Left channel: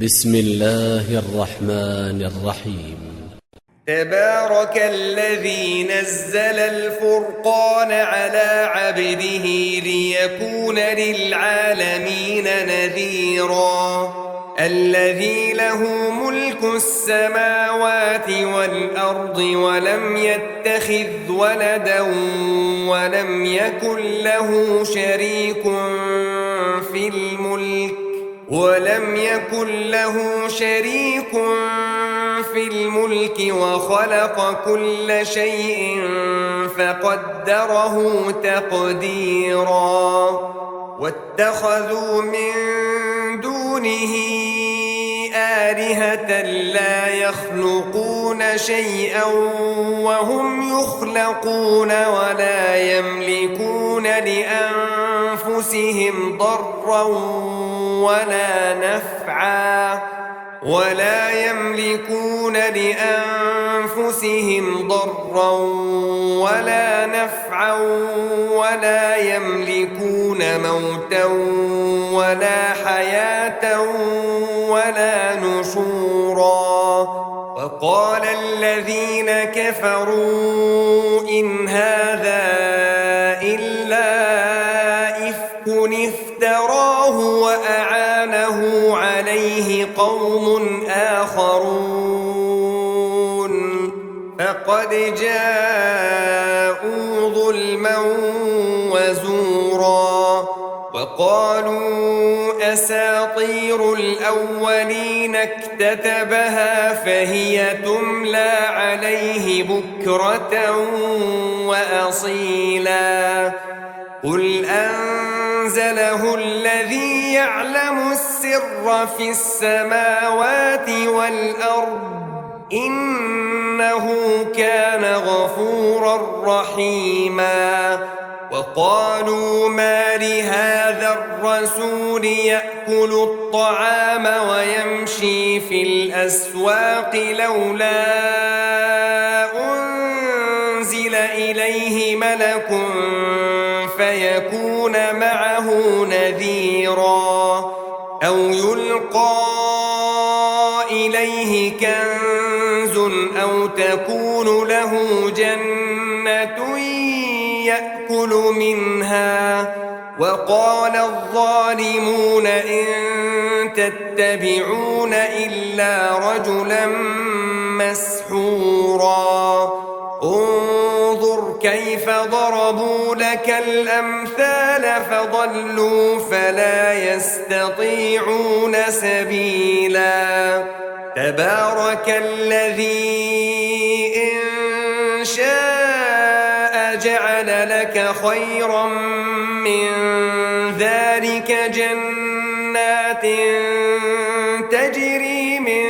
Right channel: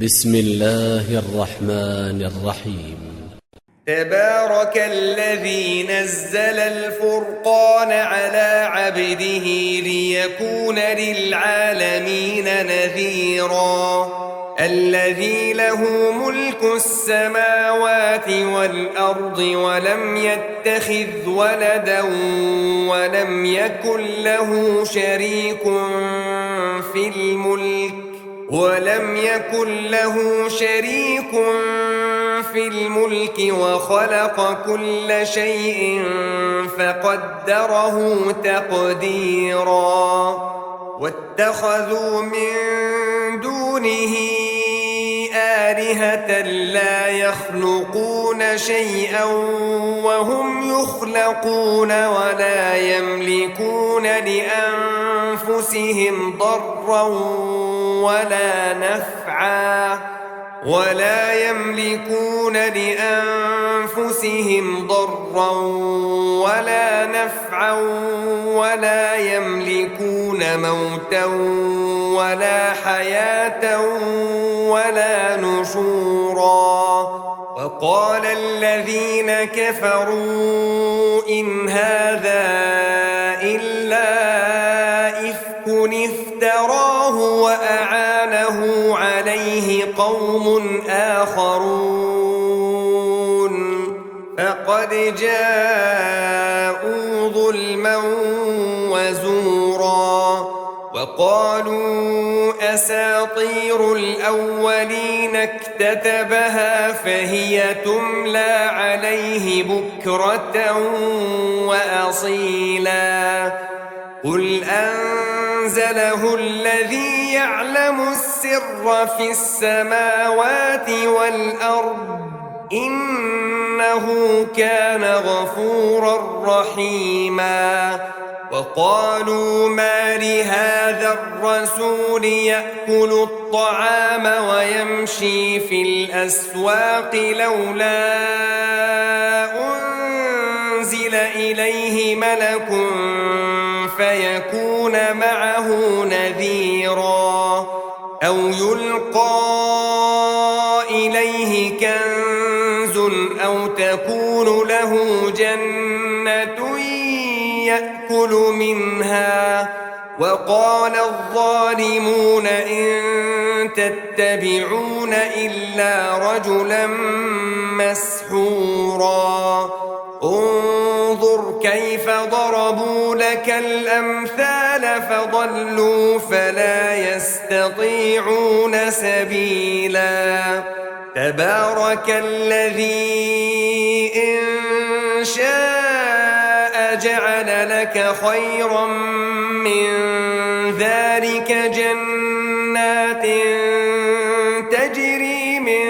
بسم الله الرحمن الرحيم. تبارك الذي نزل الفرقان على عبده ليكون للعالمين نذيرا الذي له ملك السماوات والأرض ولم يتخذ ولدا ولم يكن له شريك في الملك وخلق كل شيء فقدره تقديرا واتخذوا من دونه آلهة لا يخلقون شيئا وهم يخلقون ولا يملكون لأنفسهم ضرا ولا نفعا ولا يملكون موتا ولا حياة ولا نشورا. وقال الذين كفروا إن هذا إلا إفك افتراه وأعانه عليه قوم آخرون فقد جاءوا ظلما وزورا. وقالوا أساطير الأولين اكتتبها فهي تملى عليه بكرة وأصيلا قل أنزله الذي يعلم السر في السماوات والأرض إنه كان غفورا رحيما. وقالوا ما لهذا الرسول يأكل الطعام ويمشي في الأسواق لولا أنزل إليه ملك فيكون معه نذيرا أو يلقى إليه كنز أو تكون له جنة يأكل منها. وقال الظالمون إن تتبعون إلا رجلا مسحورا انظر كيف ضربوا لك الأمثال فضلوا فلا يستطيعون سبيلا. تبارك الذي إن شاء جعل لك خيرا من ذلك جنات تجري من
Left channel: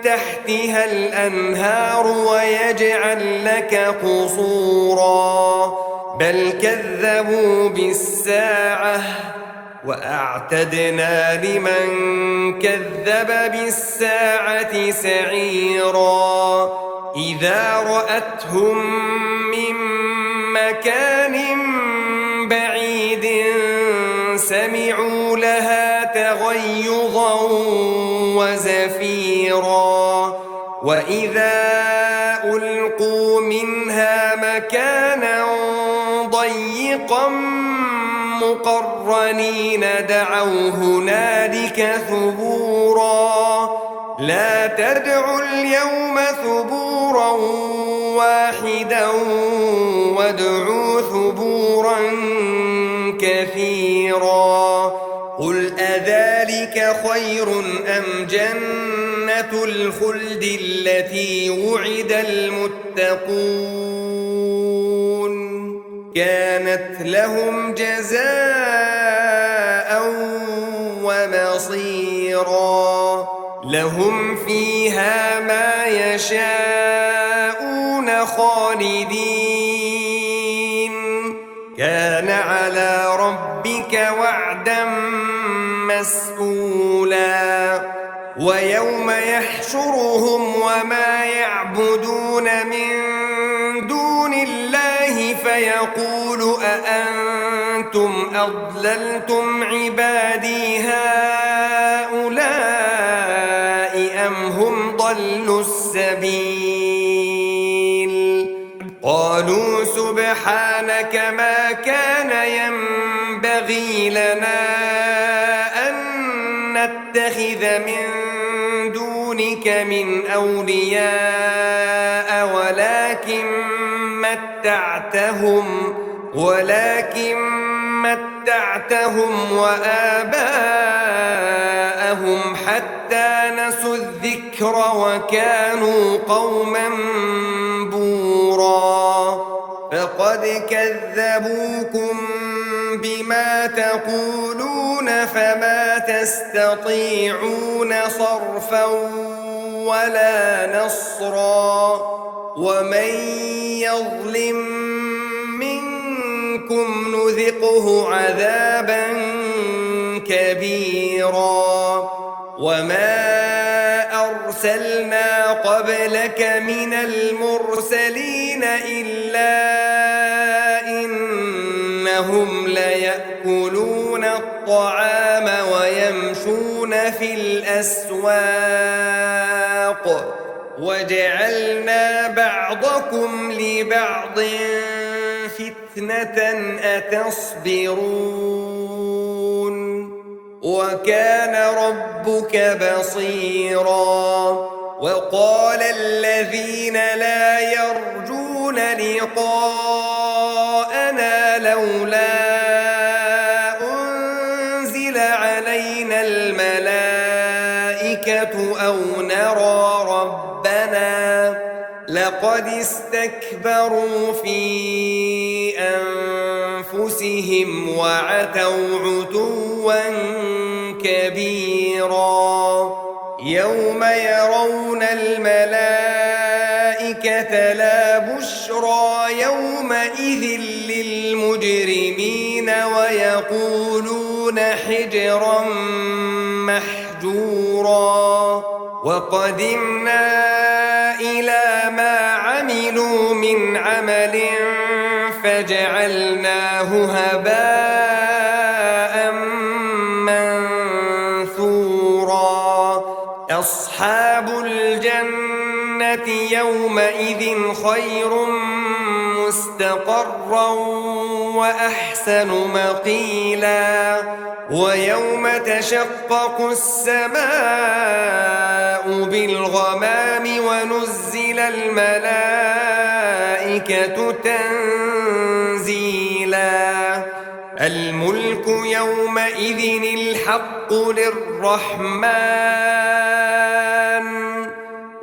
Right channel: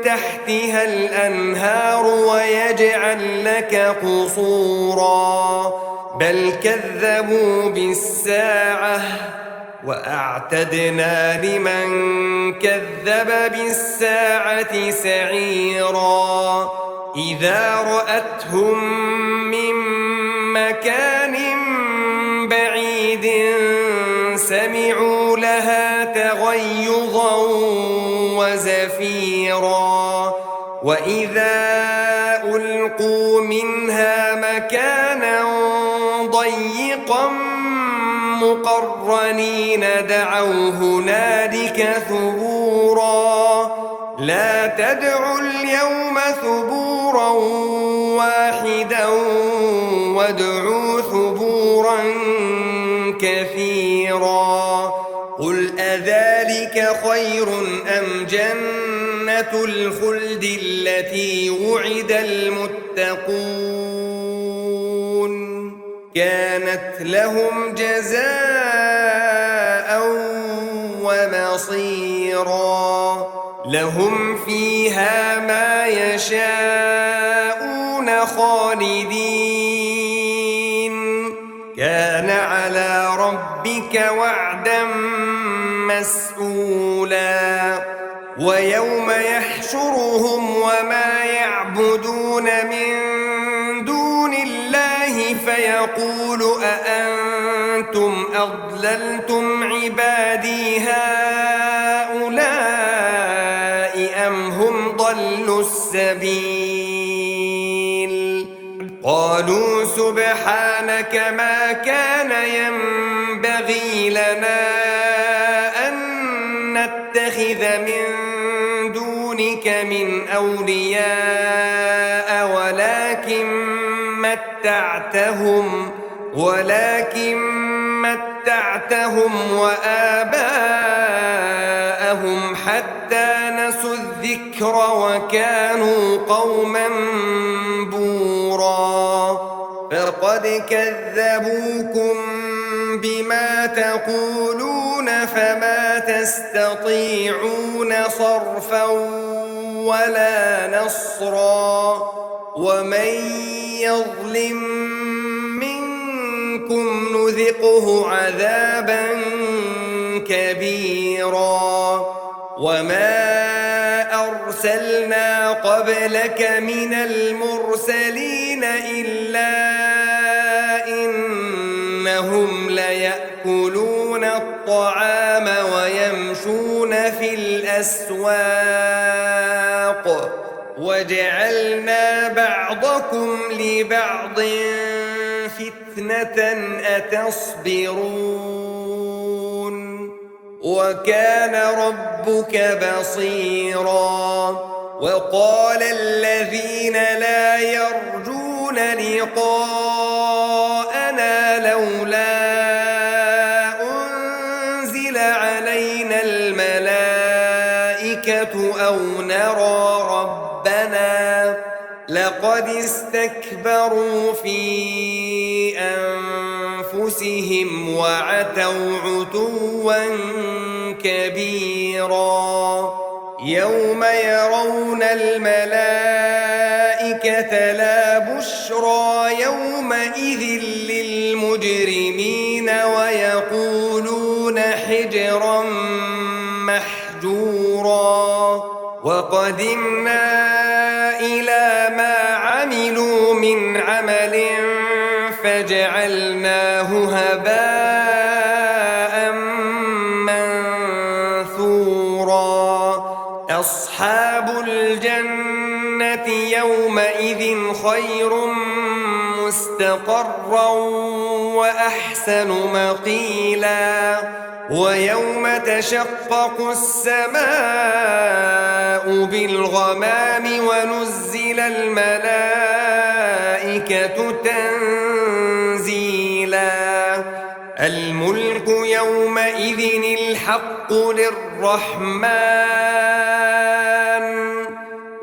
تحتها الأنهار ويجعل لك قصورا بل كذبوا بالساعة وأعتدنا لمن كذب بالساعة سعيرا. إذا رأتهم من مكان بعيد سمعوا لها تغيظا وزفيرا وإذا ألقوا منها مكانا ضيقا مقرنين دعوا هنالك ثبورا لا تدعوا اليوم ثبورا واحدا وادعوا ثبورا كثيرا. قل أذلك خير أم جنة الخلد التي وعد المتقون كانت لهم جزاء ومصيرا لهم فيها ما يشاءون خالدين كان على ربك وعدا مسئولا. ويوم يحشرهم وما يعبدون من دون الله فيقول أأنتم أضللتم عبادي هؤلاء السبيل قالوا سبحانك ما كان ينبغي لنا أن نتخذ من دونك من أولياء ولكن متعتهم وآباءهم حتى نسوا الذكر وكانوا قوما بورا فقد كذبوكم بما تقولون فما تستطيعون صرفا ولا نصرا ومن يظلم منكم نذقه عذابا كبيرا وما أرسلنا قبلك من المرسلين إلا إنهم ليأكلون الطعام ويمشون في الأسواق وجعلنا بعضكم لبعض فتنة أتصبرون وكان ربك بصيرا وقال الذين لا يرجون لقاءنا لولا أنزل علينا الملائكة أو نرى ربنا لقد استكبروا في أنفسهم وعتوا عتوا كبيرا يوم يرون الملائكة لا بشرى يومئذ للمجرمين ويقولون حجرا محجورا وقدمنا إلى ما عملوا من عمل فجعلناه هباء منثورا أصحاب الجنة يومئذ خير مستقرا وأحسن مقيلا ويوم تشقق السماء بالغمام ونزل الملائكة تنزيلا الملك يومئذ الحق للرحمن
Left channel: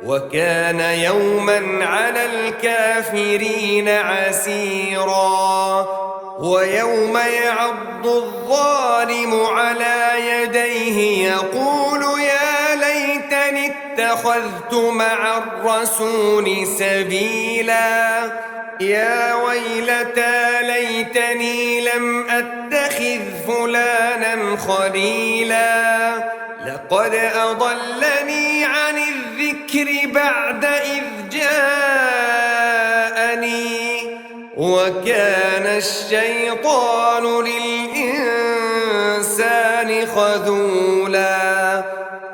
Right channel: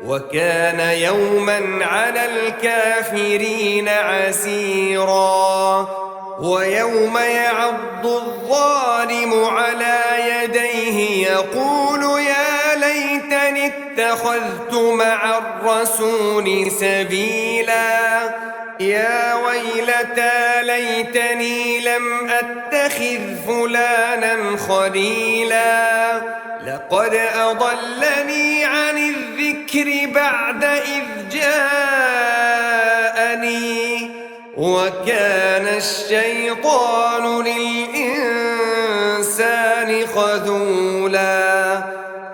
وكان يوما على الكافرين عسيرا ويوم يعض الظالم على يديه يقول يا ليتني اتخذت مع الرسول سبيلا يا ويلتى ليتني لم أتخذ فلانا خليلا لقد أضلني عن الذكر بعد إذ جاءني وكان الشيطان للإنسان خذولا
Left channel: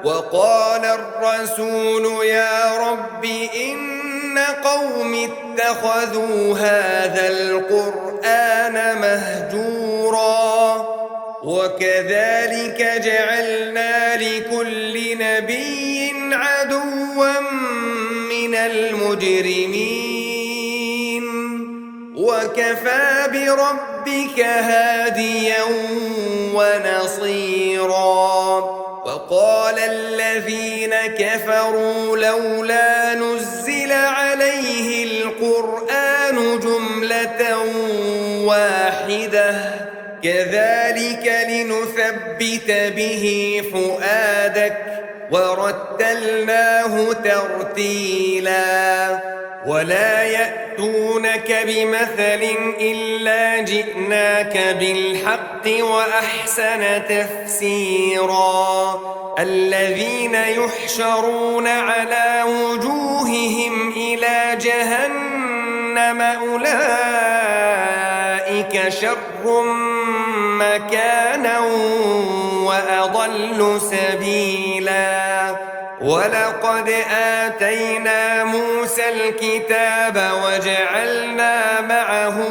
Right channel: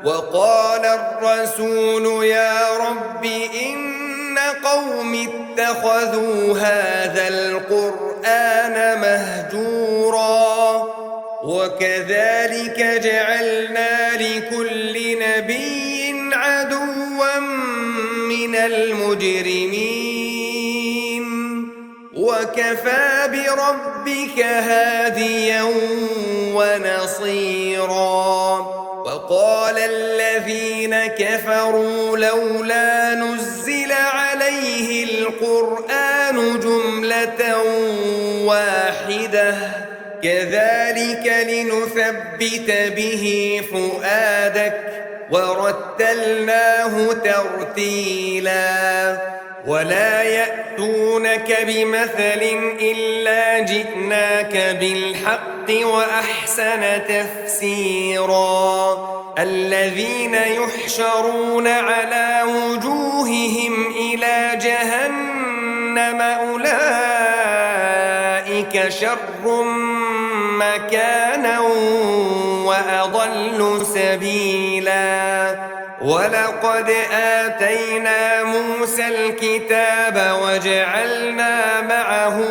وقال الرسول يا رب إن قوم اتخذوا هذا القرآن مهجورا وكذلك جعلنا لكل نبي عدوا من المجرمين وكفى بربك هاديا ونصيرا وقال الذين كفروا لولا نزل عليه القرآن جملة واحدة كذلك لنثبت به فؤادك ورتلناه ترتيلا ولا يأتونك بمثل إلا جئناك بالحق وأحسن تفسيرا الذين يحشرون على وجوههم إلى جهنم أولئك شر مكانا وأضل سبيلا ولقد آتينا موسى الكتاب وجعلنا معه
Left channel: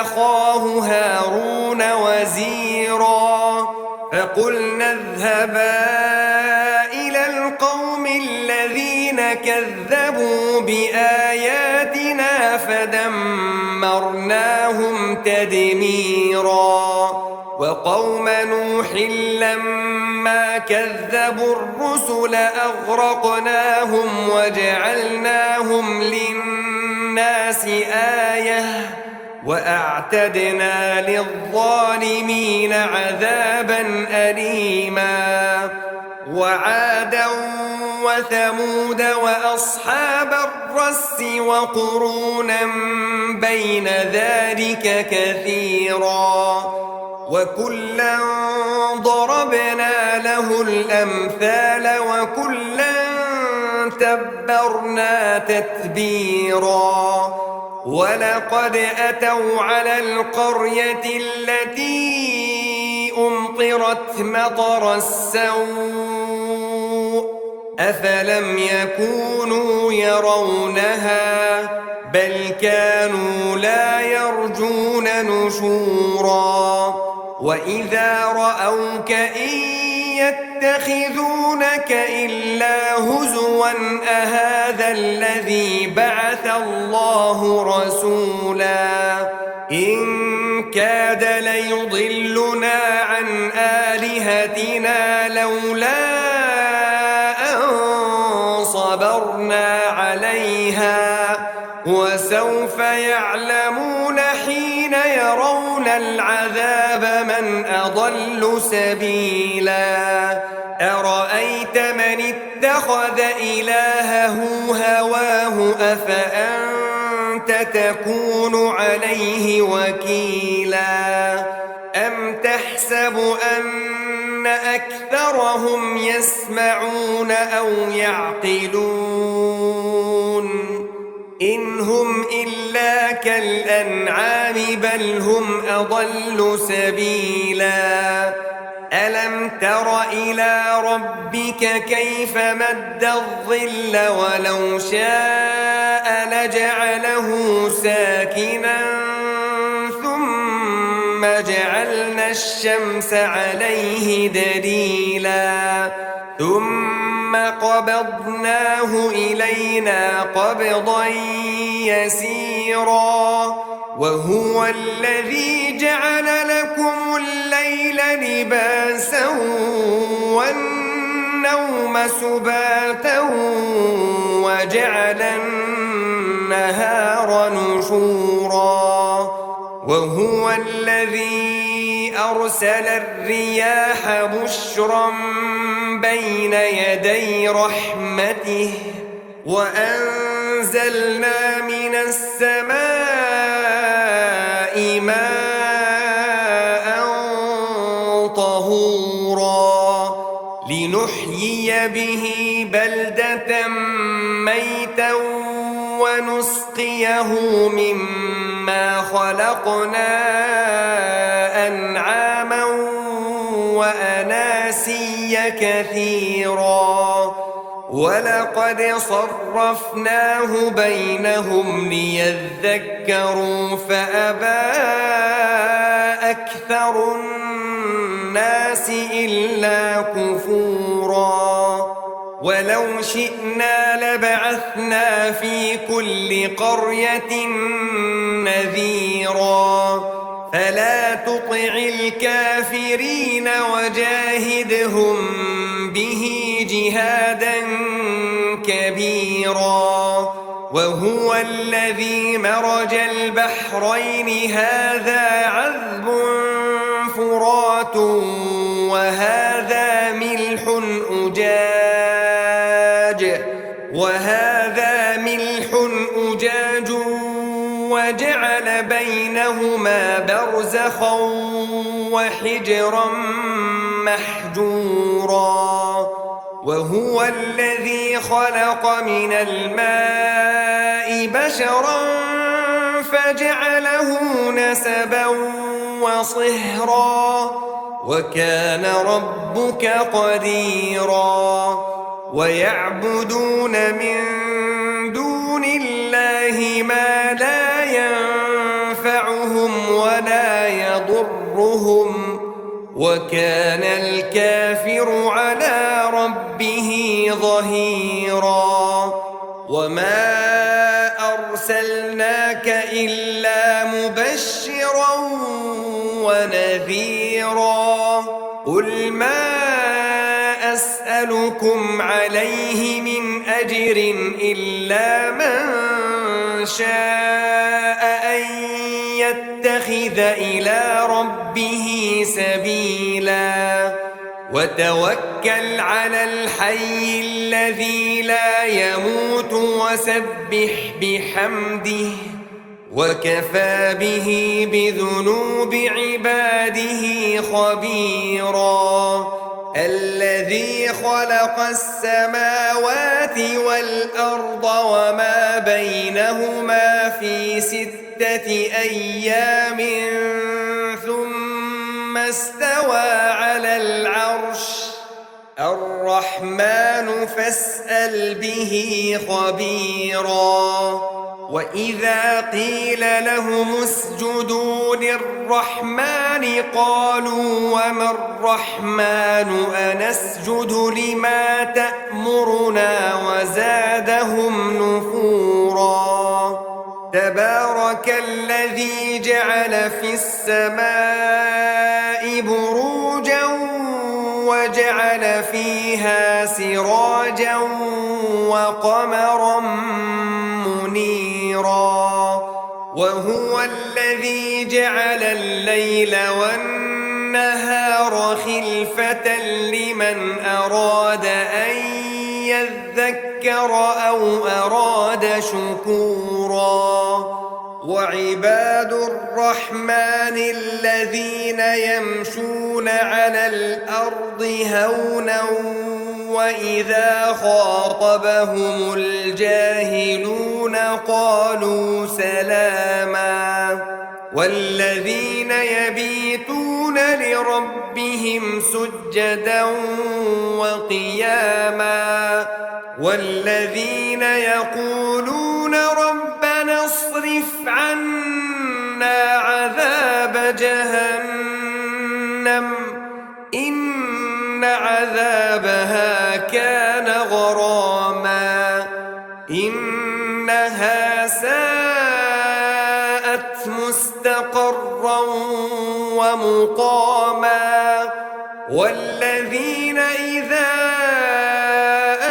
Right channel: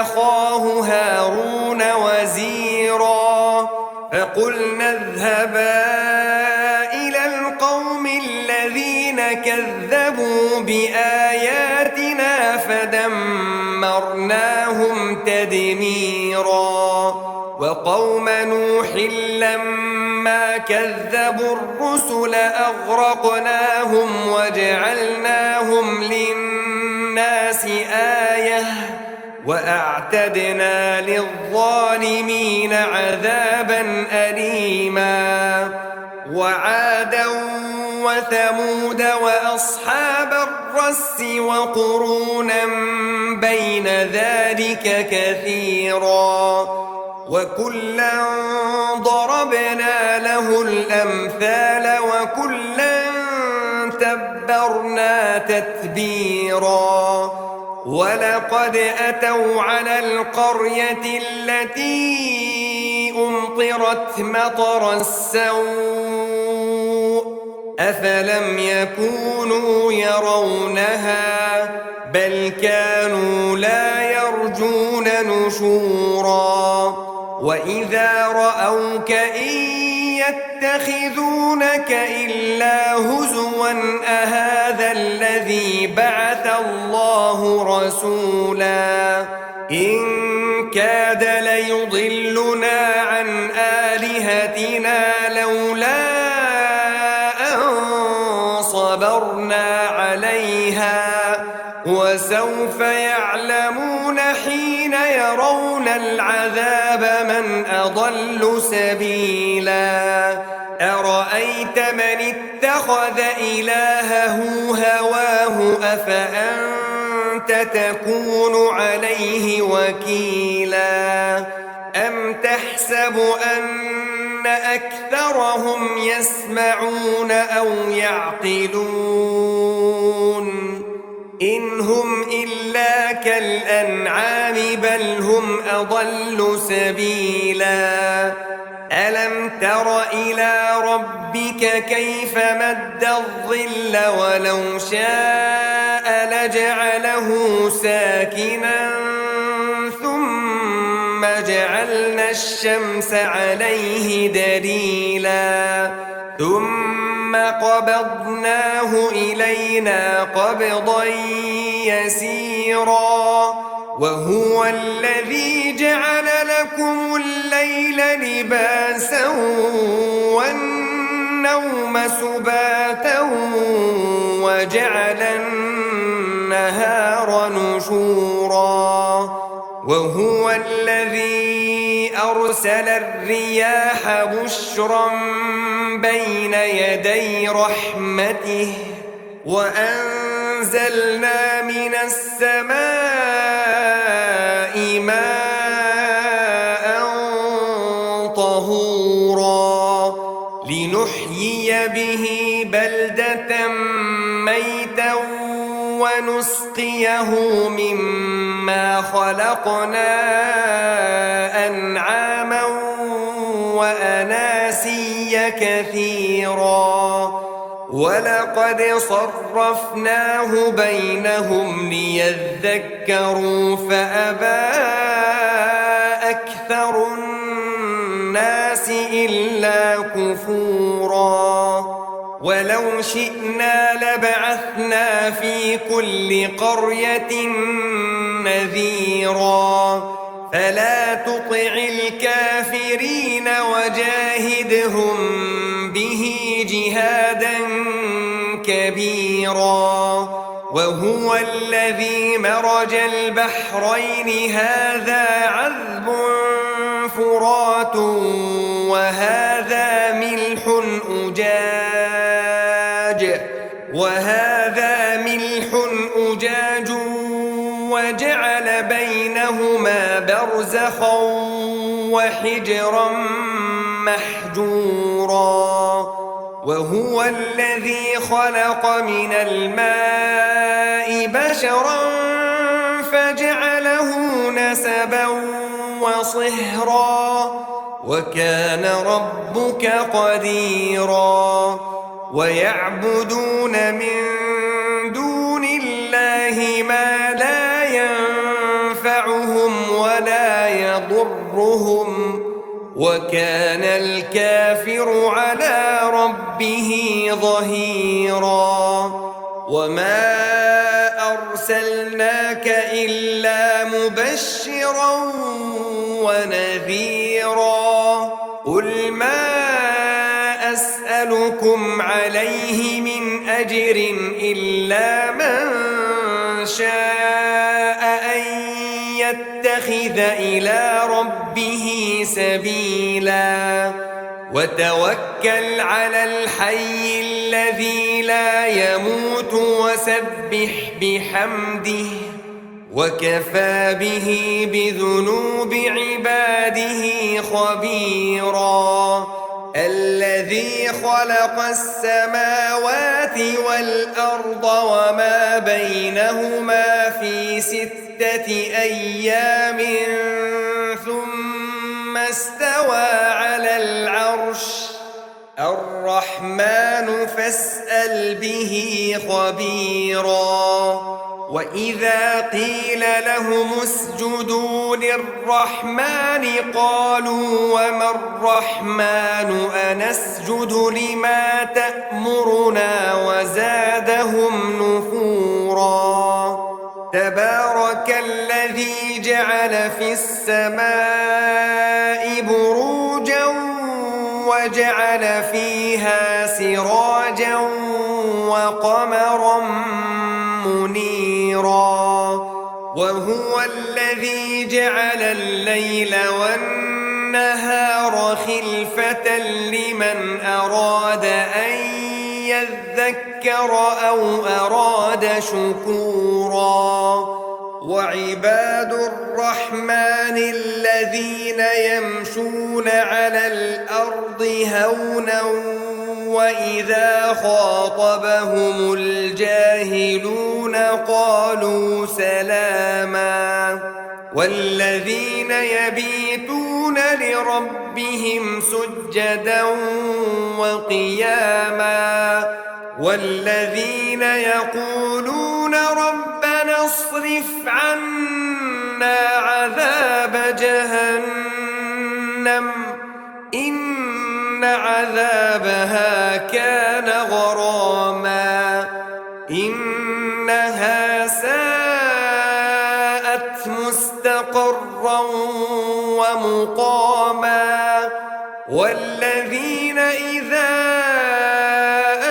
أخاه هارون وزيرا فقلنا اذهبا إلى القوم الذين كذبوا بآياتنا فدمرناهم تدميرا وقوم نوح لما كذبوا الرسل أغرقناهم وجعلناهم للناس آية وأعتدنا للظالمين عذابا أليما وعادا وثمود وأصحاب الرس وقرونا بين ذلك كثيرا وكلا ضربنا له الأمثال وكلا تبرنا تتبيرا ولقد أتوا على القرية التي أمطرت مطر السوء أفلم يكونوا يرونها بل كانوا لا يرجون نشورا وإذا رأوك إن يتخذونك إلا هزوا أهذا الذي بعث الله رسولا إن كاد ليضلنا عن آلهتنا لولا أن صبرنا عليها وسوف يعلمون حين يرون العذاب من أضل سبيلا أرأيت من اتخذ إلهه هواه أفأنت تكون عليه وكيلا أم تحسب أن أكثرهم يسمعون أو يعقلون إن هم إلا كالأنعام بل هم أضل سبيلا ألم تر إلى ربك كيف مد الظل ولو شاء لجعله ساكنا ثم جعلنا الشمس عليه دليلا ثم قبضناه إلينا قبضا يسيرا وهو الذي جعل لكم الليل لباسا والنوم سباتا وجعل النهار نشورا وهو الذي أرسل الرياح بشرا بين يدي رحمته وأنزلنا من السماء ماء طهورا لنحيي به بلدة ميتا ونسقيه مما خلقنا أنعاما وأناسيا كثيرا ولقد صرفناه بينهم ليذكروا فأبى أكثر الناس إلا كفورا ولو شئنا لبعثنا في كل قرية نذيرا فلا تطع الكافرين وجاهدهم به جهادا كبيرا وهو الذي مرج البحرين هذا عذب فرات وهذا ملح أجاج وجعل بينهما برزخا وحجرا محجورا وهو الذي خلق من الماء بشرا فجعله نسبا وصهرا وكان ربك قديرا ويعبدون من دون الله ما لا ينفعهم ولا يضرهم وكان الكافر على ربه ظهيرا وما أرسلناك إلا مبشرا ونذيرا قل ما أسألكم عليه من أجر إلا من شاء أن يتخذ إلى ربه سبيلا وتوكل على الحي الذي لا يموت وسبح بحمده وكفى به بذنوب عباده خبيرا الذي خلق السماوات والأرض وما بينهما في 6 أيام ثم استوى على العرش الرحمن فاسأل به خبيرا وإذا قيل لهم اسجدوا للرحمن قالوا وما الرحمن أنسجد لما تأمرنا وزادهم نفورا تبارك الذي جعل في السماء بروجا وجعل فيها سراجا وقمرا منيرا وهو الذي جعل الليل والنهار خلفة لمن أراد أن يذكر أو أراد شكورا وعباد الرحمن الذين يمشون على الأرض هونا وإذا خاطبهم الجاهلون قالوا سلاما والذين يبيتون لربهم سجدا وقياما والذين يقولون ربنا اصرف عنا عذاب جهنم إن عذابها كان غراما إنها ساءت مستقرا ومقاما والذين إذا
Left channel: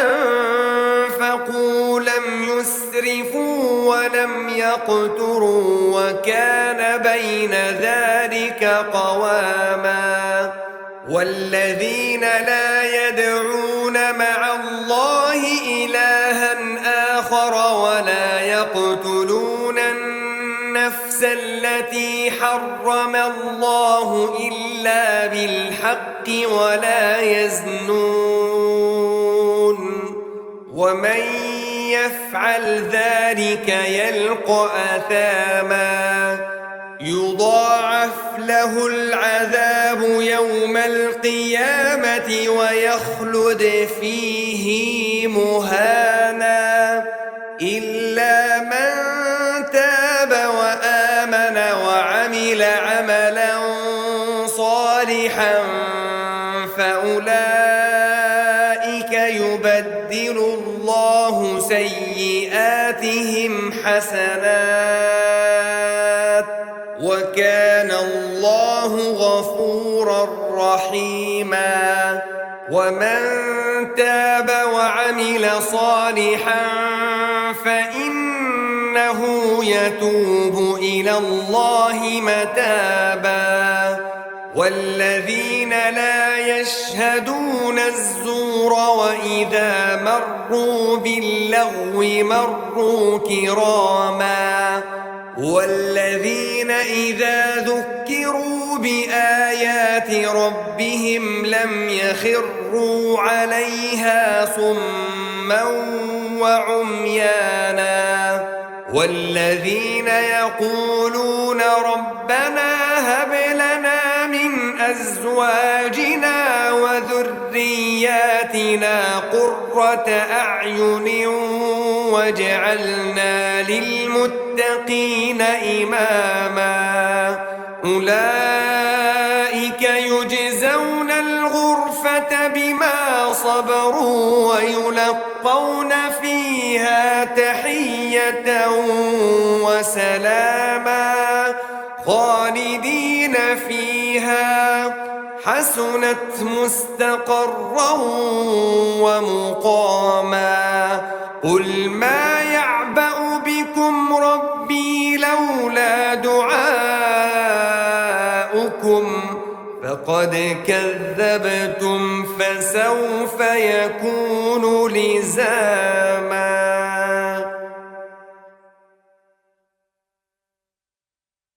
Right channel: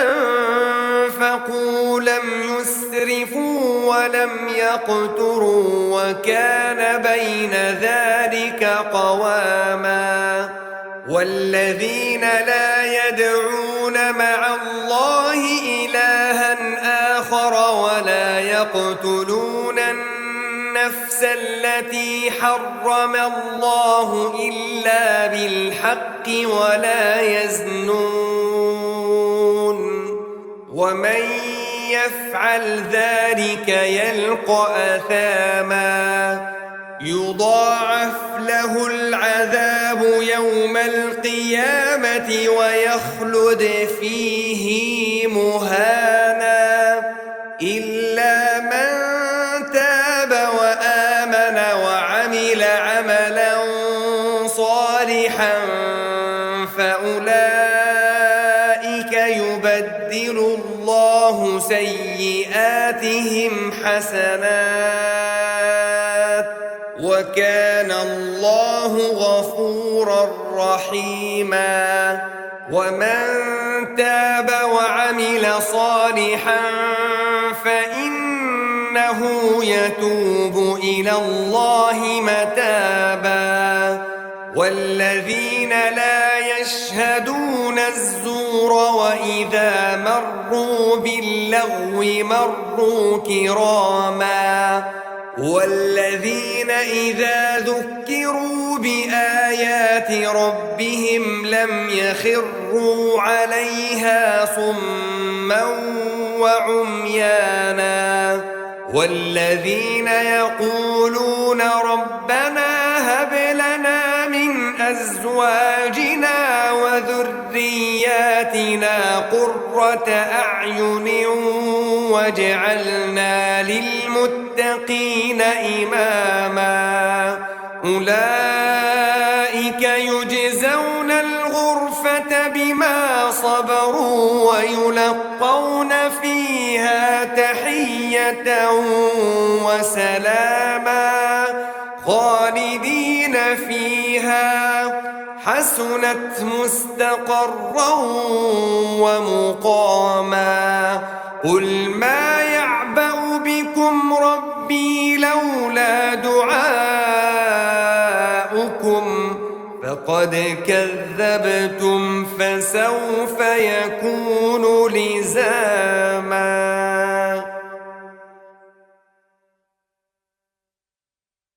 أنفقوا لم يسرفوا ولم يقتروا وكان بين ذلك قواما والذين لا يدعون مع الله إلها آخر ولا يقتلون النفس التي حرم الله إلا بالحق ولا يزنون ومن يفعل ذلك يلقى أثاما يضاعف له العذاب يوم القيامة ويخلد فيه مهانا إلا من تاب وآمن وعمل عملا صالحا فأولئك يبدل الله سيئاتهم حسنات وكان الله غفورا رحيما ومن تاب وعمل صالحا فإنه يتوب إلى الله متابا والذين لا يشهدون الزور وإذا مروا باللغو مروا كراما والذين إذا ذكروا بآيات ربهم لم يخروا عليها صما وعميانا والذين يقولون ربنا هب لنا من أزواجنا وذرياتنا آتِنَا قُرَّةَ أَعْيُنٍ وَاجْعَلْنَا لِلْمُتَّقِينَ إِمَامًا أُولَئِكَ يُجْزَوْنَ الْغُرْفَةَ بِمَا صَبَرُوا وَيُلَقَّوْنَ فِيهَا تَحِيَّةً وَسَلَامًا خَالِدِينَ فِيهَا حَسُنَتْ مُسْتَقَرًّا وَمُقَامًا قُلْ مَا يَعْبَأُ بِكُمْ رَبِّي لَوْلَا دُعَاؤُكُمْ فَقَدْ كَذَّبْتُمْ فَسَوْفَ يَكُونُ لِزَامًا